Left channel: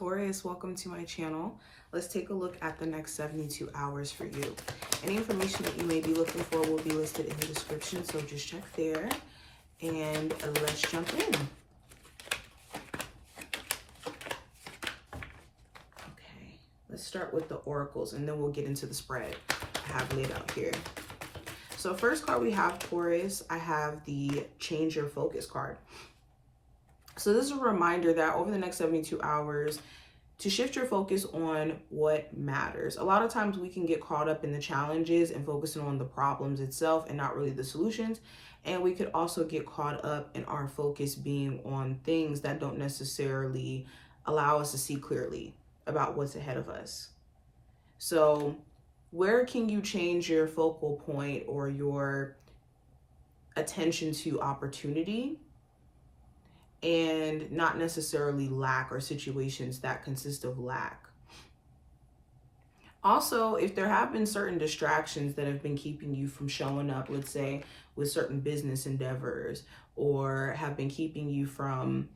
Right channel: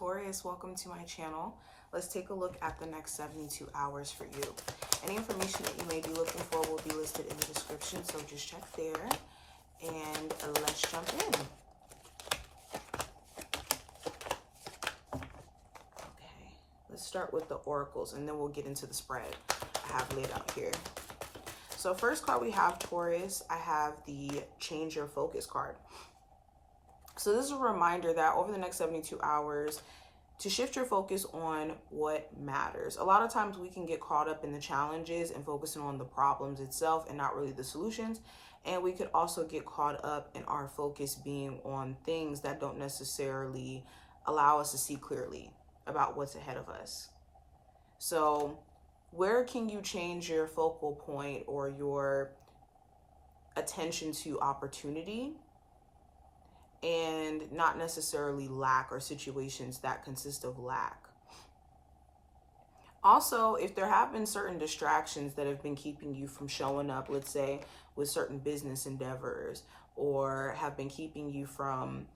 Taurus, welcome to my channel. Let's take a look at the next 72 hours for you. Any information that you may be looking for will be listed in the description, so just check there. And let's jump in. Okay, let's start with the oracles and then we'll get into the spread I have laid out here. So first card we have, Taurus, I have the Change Your Focus card. So this is a reminder that over the next 72 hours, to shift your focus on what matters. A lot of times we can get caught up in the challenges and focusing on the problems itself and not really the solutions. And we could also get caught up in our focus being on things that don't necessarily allow us to see clearly about what's ahead of us. So where can you change your focal point or your attention to opportunity and not necessarily lack or situations that consist of lack? Also, if there have been certain distractions that have been keeping you from showing up, let's say with certain business endeavors, or have been keeping you from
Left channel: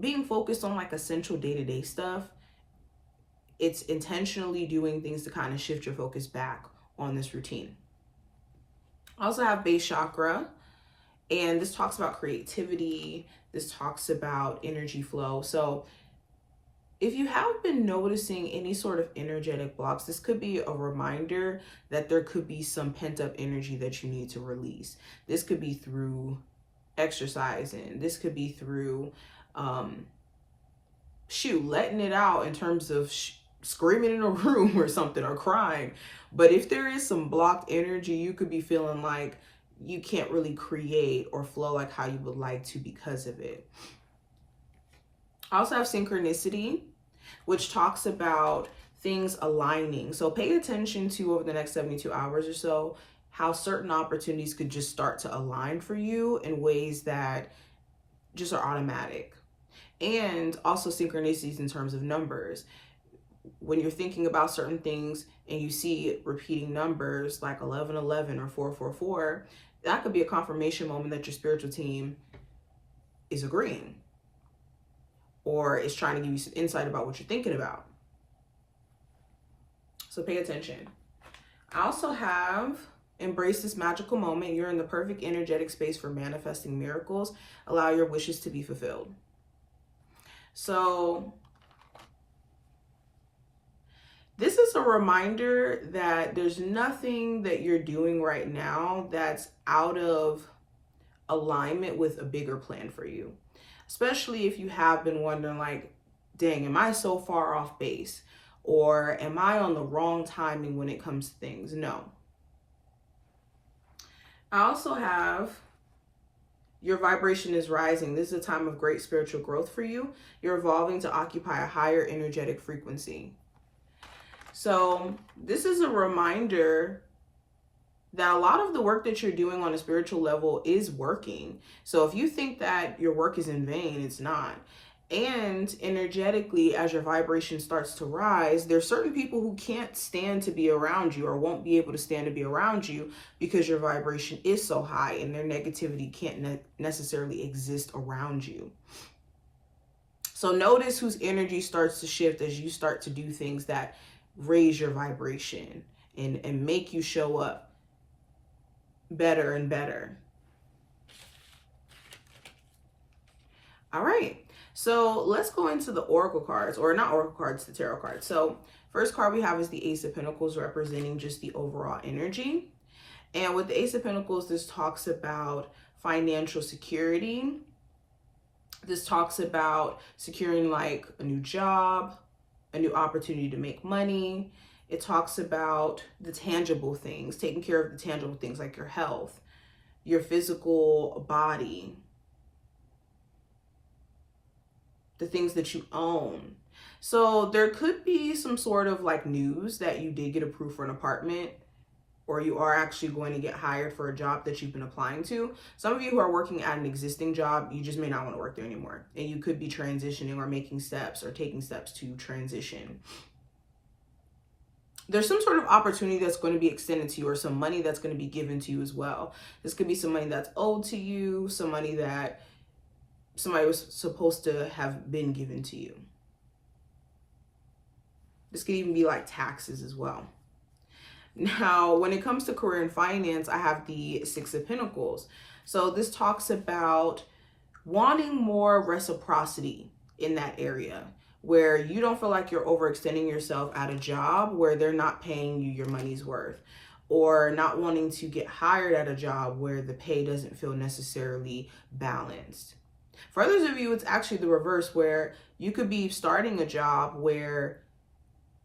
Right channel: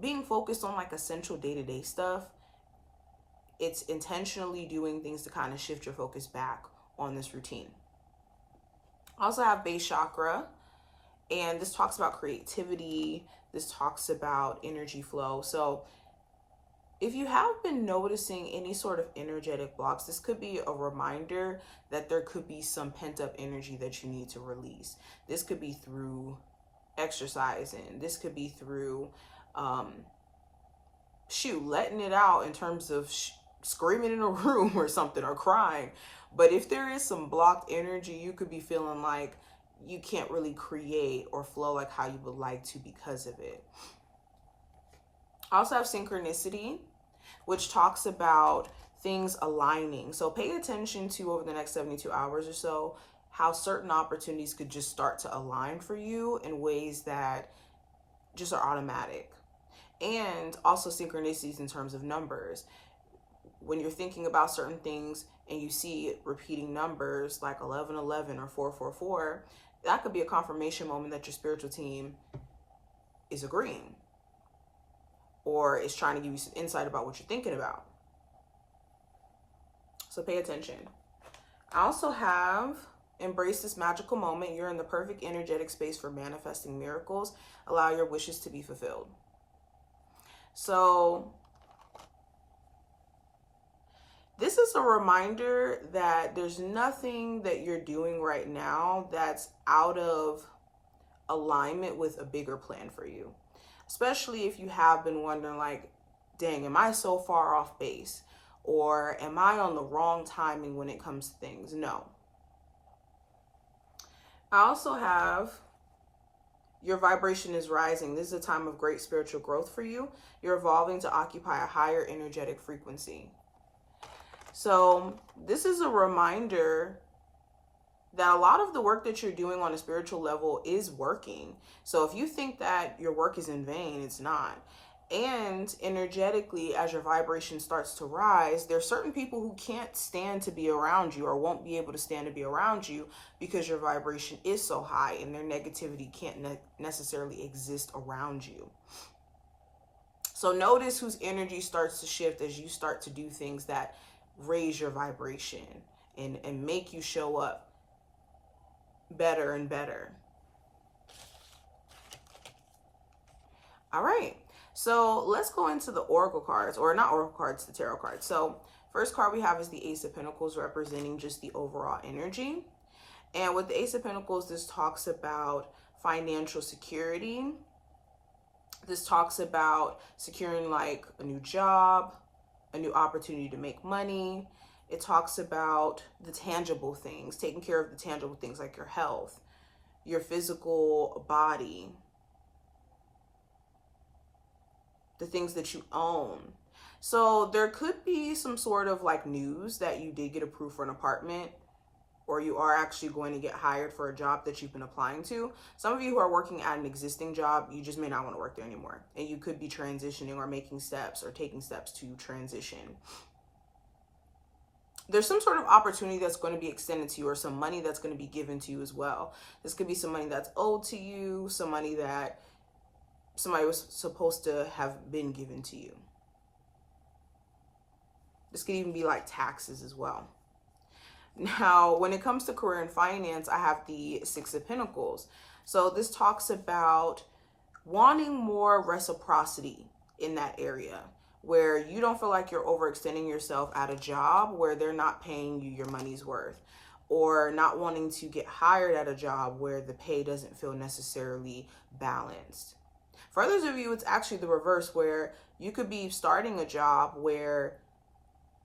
being focused on like essential day-to-day stuff, it's intentionally doing things to kind of shift your focus back on this routine. I also have base chakra. And this talks about creativity. This talks about energy flow. So if you have been noticing any sort of energetic blocks, this could be a reminder that there could be some pent-up energy that you need to release. This could be through exercising. This could be through, letting it out in terms of screaming in a room or something, or crying. But if there is some blocked energy, you could be feeling like you can't really create or flow like how you would like to because of it. I also have synchronicity, which talks about things aligning. So pay attention to, over the next 72 hours or so, how certain opportunities could just start to align for you in ways that just are automatic. And also synchronicities in terms of numbers. When you're thinking about certain things and you see repeating numbers like 1111 or 444, that could be a confirmation moment that your spiritual team is agreeing or is trying to give you some insight about what you're thinking about. So pay attention. I also have embrace this magical moment. You're in the perfect energetic space for manifesting miracles. Allow your wishes to be fulfilled. So this is a reminder that there's nothing that you're doing right now that's out of alignment with a bigger plan for you. Especially if you have been wondering like, dang, am I so far off base? Or am I on the wrong timing when it comes to things? No. I also have your vibration is rising. This is a time of great spiritual growth for you. You're evolving to occupy a higher energetic frequency. So this is a reminder that a lot of the work that you're doing on a spiritual level is working. So if you think that your work is in vain, it's not. And energetically, as your vibration starts to rise, there's certain people who can't stand to be around you or won't be able to stand to be around you because your vibration is so high and their negativity can't necessarily exist around you. So notice whose energy starts to shift as you start to do things that raise your vibration and make you show up better and better. All right, so let's go into the oracle cards, or not oracle cards, the tarot cards. So first card we have is the Ace of Pentacles, representing just the overall energy. And with the Ace of Pentacles, this talks about financial security. This talks about securing like a new job, a new opportunity to make money. It talks about the tangible things, taking care of the tangible things like your health, your physical body, the things that you own. So there could be some sort of like news that you did get approved for an apartment, or you are actually going to get hired for a job that you've been applying to. Some of you who are working at an existing job, you just may not want to work there anymore. And you could be transitioning or making steps or taking steps to transition. There's some sort of opportunity that's going to be extended to you, or some money that's going to be given to you as well. This could be some money that's owed to you, some money that somebody was supposed to have been given to you. This could even be like taxes as well. Now, when it comes to career and finance, I have the Six of Pentacles. So this talks about wanting more reciprocity in that area where you don't feel like you're overextending yourself at a job where they're not paying you your money's worth, or not wanting to get hired at a job where the pay doesn't feel necessarily balanced. For others of you, it's actually the reverse, where you could be starting a job where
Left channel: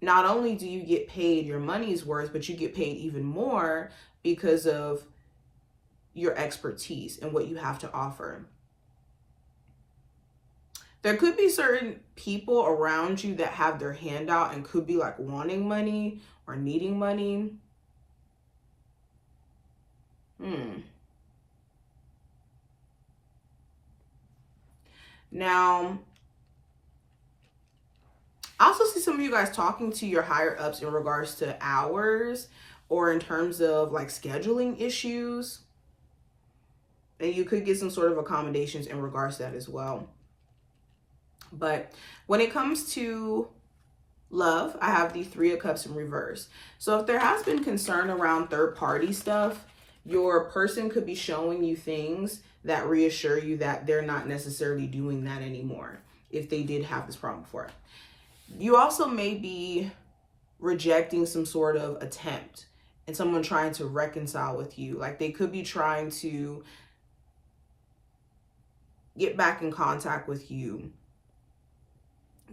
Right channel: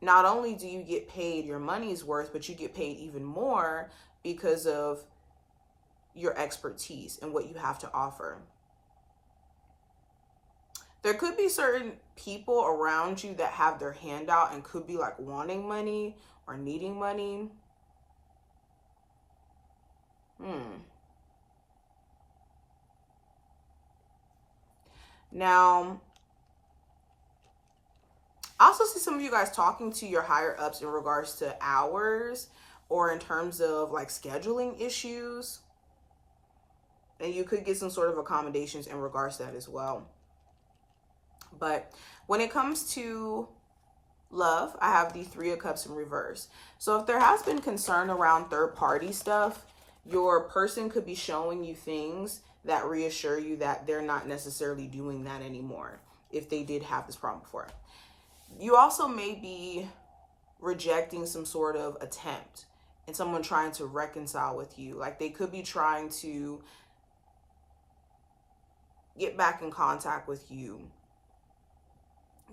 not only do you get paid your money's worth, but you get paid even more because of your expertise and what you have to offer. There could be certain people around you that have their hand out and could be like wanting money or needing money. Now, I also see some of you guys talking to your higher ups in regards to hours or in terms of like scheduling issues. And you could get some sort of accommodations in regards to that as well. But when it comes to love, I have the Three of Cups in reverse. So if there has been concern around third party stuff, your person could be showing you things that reassure you that they're not necessarily doing that anymore if they did have this problem before. You also may be rejecting some sort of attempt and someone trying to reconcile with you. Like they could be trying to get back in contact with you,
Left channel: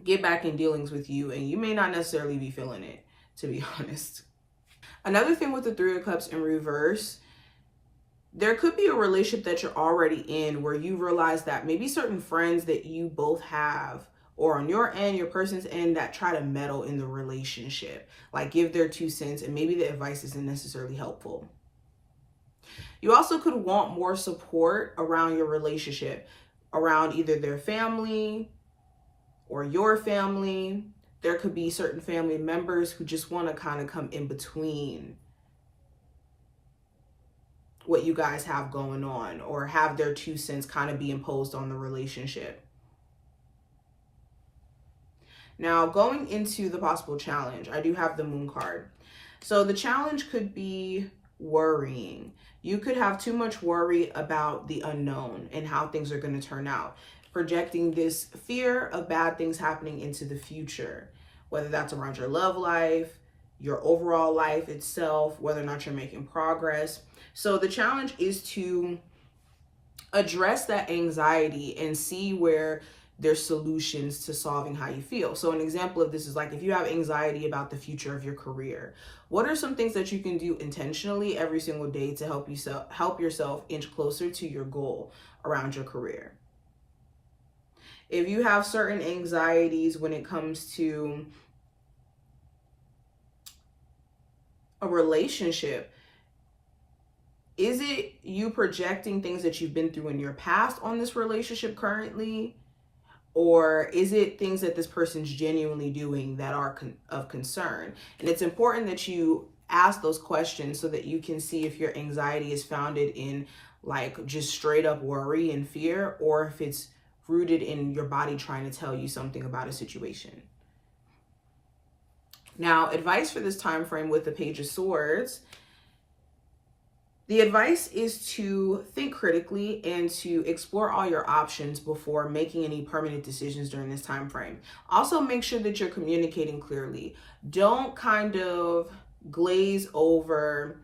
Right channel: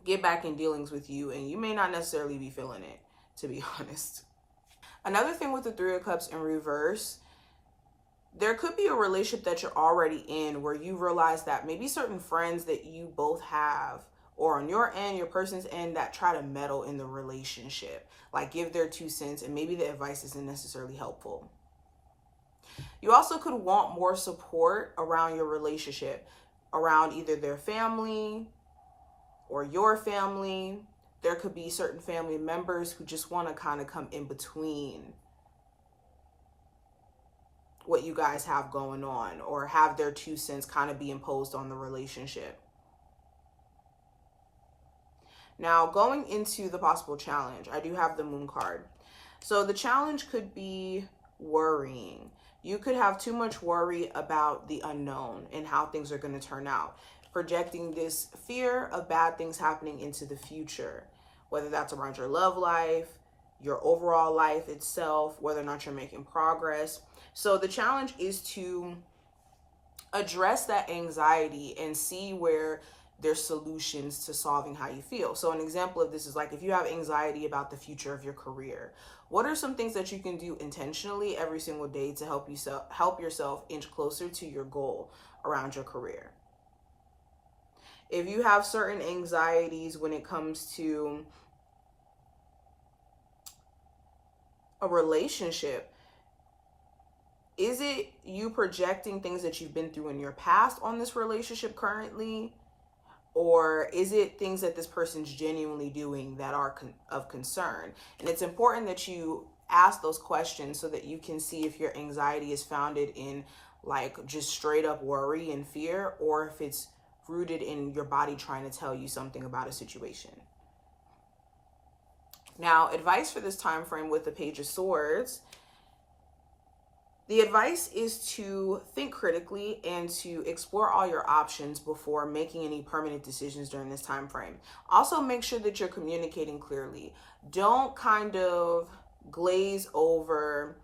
get back in dealings with you, and you may not necessarily be feeling it, to be honest. Another thing with the Three of Cups in reverse, there could be a relationship that you're already in where you realize that maybe certain friends that you both have, or on your end, your person's end, that try to meddle in the relationship, like give their 2 cents, and maybe the advice isn't necessarily helpful. You also could want more support around your relationship, around either their family or your family. There could be certain family members who just want to kind of come in between what you guys have going on, or have their 2 cents kind of be imposed on the relationship. Now, going into the possible challenge, I do have the Moon card. So the challenge could be worrying. You could have too much worry about the unknown and how things are going to turn out, projecting this fear of bad things happening into the future, whether that's around your love life, your overall life itself, whether or not you're making progress. So the challenge is to address that anxiety and see where there's solutions to solving how you feel. So an example of this is like if you have anxiety about the future of your career, what are some things that you can do intentionally every single day to help yourself inch closer to your goal around your career? If you have certain anxieties when it comes to a relationship, is it you projecting things that you've been through in your past on this relationship currently? Or is it things that this person's genuinely doing that are of concern? And it's important that you ask those questions so that you can see if your anxiety is founded in like just straight up worry and fear, or if it's rooted in your body trying to tell you something about a situation. Now, advice for this time frame with the Page of Swords. The advice is to think critically and to explore all your options before making any permanent decisions during this time frame. Also, make sure that you're communicating clearly. Don't kind of glaze over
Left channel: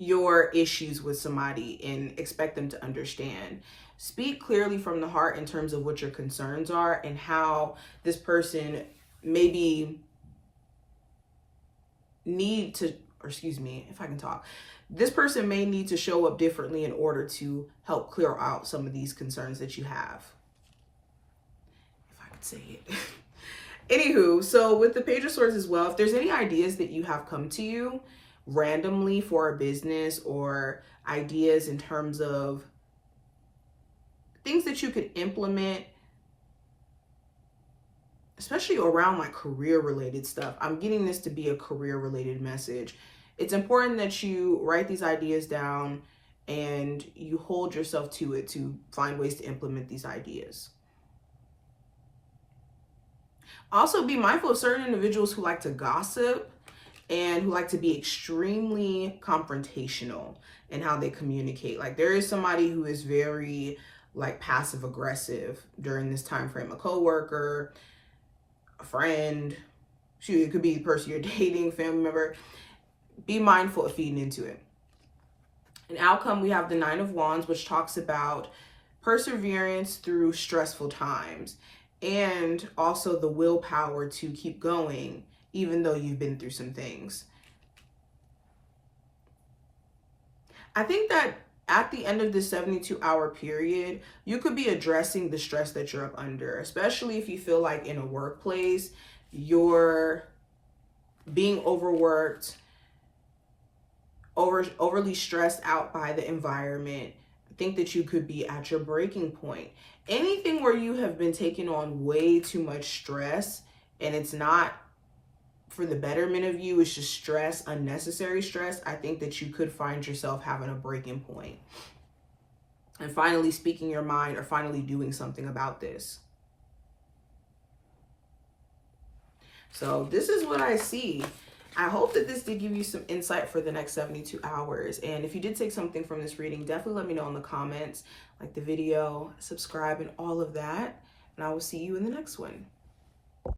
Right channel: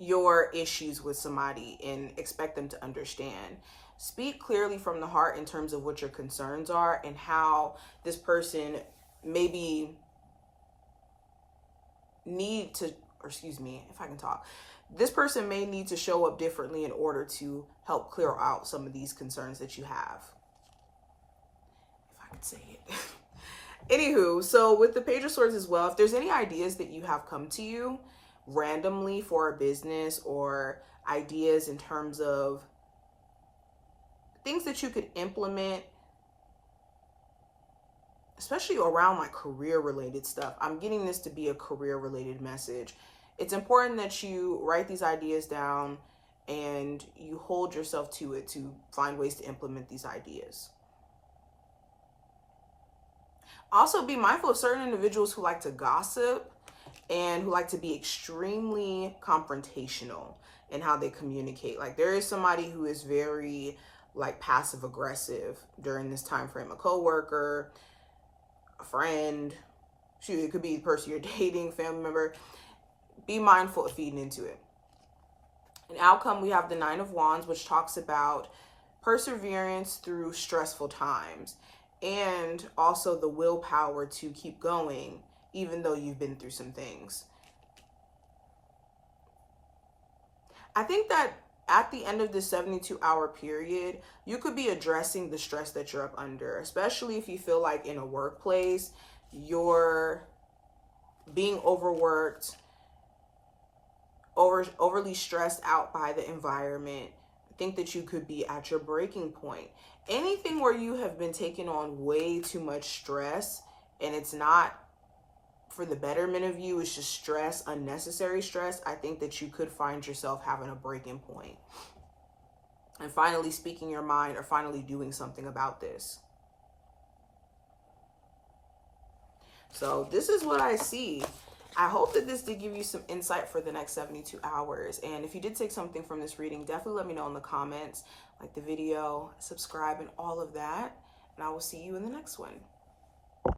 your issues with somebody and expect them to understand. Speak clearly from the heart in terms of what your concerns are and how this person maybe this person may need to show up differently in order to help clear out some of these concerns that you have. If I could say it. Anywho, so with the Page of Swords as well, if there's any ideas that you have come to you randomly for a business, or ideas in terms of things that you could implement, especially around like career related stuff. I'm getting this to be a career related message. It's important that you write these ideas down and you hold yourself to it to find ways to implement these ideas. Also, be mindful of certain individuals who like to gossip and who like to be extremely confrontational in how they communicate. Like, there is somebody who is very like passive aggressive during this time frame, a coworker, a friend, shoot, it could be the person you're dating, family member. Be mindful of feeding into it. An outcome, we have the Nine of Wands, which talks about perseverance through stressful times and also the willpower to keep going even though you've been through some things. I think that at the end of this 72-hour period, you could be addressing the stress that you're up under, especially if you feel like in a workplace, you're being overworked, overly stressed out by the environment. I think that you could be at your breaking point. Anything where you have been taking on way too much stress and it's not for the betterment of you, it's just stress, unnecessary stress. I think that you could find yourself having a breaking point and finally speaking your mind or finally doing something about this. So this is what I see. I hope that this did give you some insight for the next 72 hours. And if you did take something from this reading, definitely let me know in the comments, like the video, subscribe, and all of that. And I will see you in the next one.